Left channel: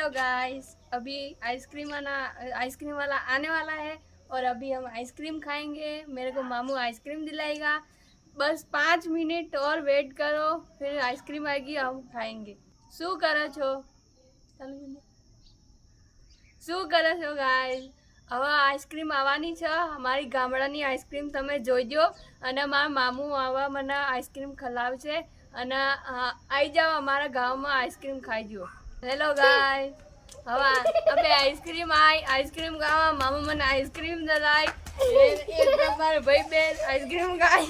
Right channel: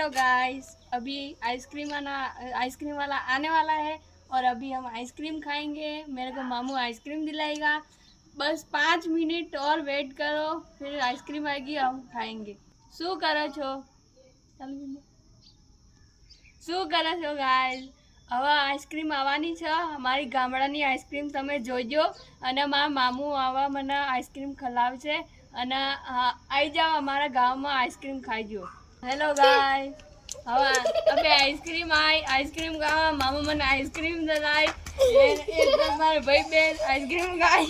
Hello guys, अभी ice cream वाला आने वाला है और अभी हम आइसक्रीम खाएंगे। मेरे को मामू आइसक्रीम दिलाएगा। बस 5 मिनट और वेट करो, फिर आइसक्रीम आएगी, हम खाएंगे। શું કરો છો? શું કરો છો ગાઈસ? હવે આઈસ્ક્રીમ આવવાની છે, અમારી ગામડાની આઈસ્ક્રીમ તમે જોઈજો અને મારા મામુ આવા મને આઈસ્ક્રીમ ખવડાવશે અને આવી જાઓ અમારા ગામમાં આઈસ્ક્રીમ ખાઈજો। હેલો ગાઈસ, હવે અમે આઈસ્ક્રીમ ખાવા મામુ મને આઈસ્ક્રીમ દલાય એ તમારા ભાઈ બેન આઈસ્ક્રીમ ખાય।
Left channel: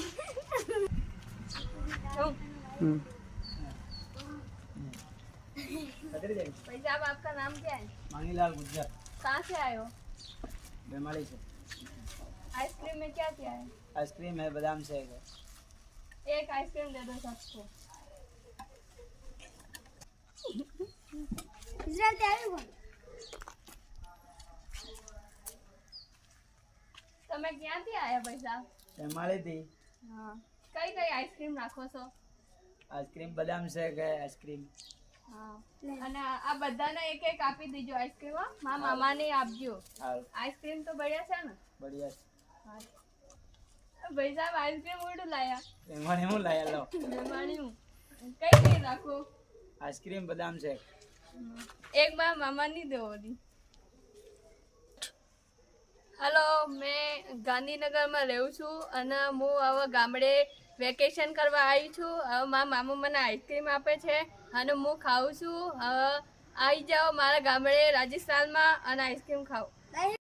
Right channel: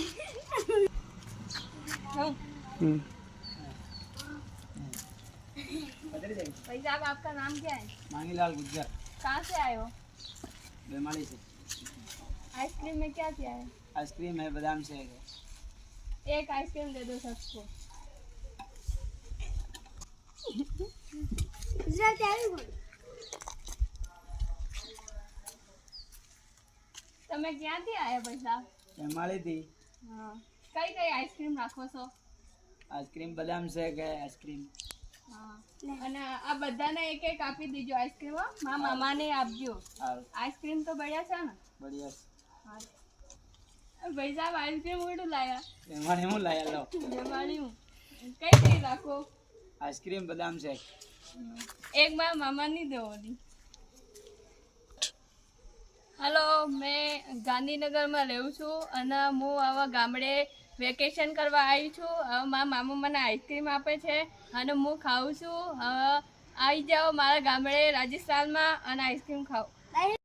भाई साहब, आपका नाम क्या है? मांगीलाल गुज्जर। कहाँ से आए हो? बेमाली से। आइसक्रीम में क्या क्या है? आइसक्रीम है, बादाम शेक है। एक आइसक्रीम दे दो सबको। તમે ક્યાંથી આયા ભાઈ સાહેબ? बेमाली थी। હા, કઈ કઈ આઈસ્ક્રીમ રાખો છો? आइसक्रीम बादाम शेक है आइसक्रीम। હા, અને આ બધાને એક એક આપી દીજો આઈસ્ક્રીમ। મારા મામાને આપજો। આઈસ્ક્રીમ તો બઢિયા છે ને? बढ़िया। હા ભાઈ સાહેબ, આઈસ્ક્રીમ ઉડું લાયા। बेमाली में लाया लो। બેમારી હું કઈ કઈ રાખો? आइसक्रीम बादाम शेक। એક મારા મામાની દેવાની। હેલો, મેં ગાંધીનગરમાં રહું છું અને હું હવે ગામડે વેકેશન કરવા આવી છું। હવે મારા મામા મને આઈસ્ક્રીમ આપે છે અને હું ખાઉં છું। હવે આવી જાઓ મારા ગામડે રાજસ્થાનમાં અને આઈસ્ક્રીમ ખાઓ।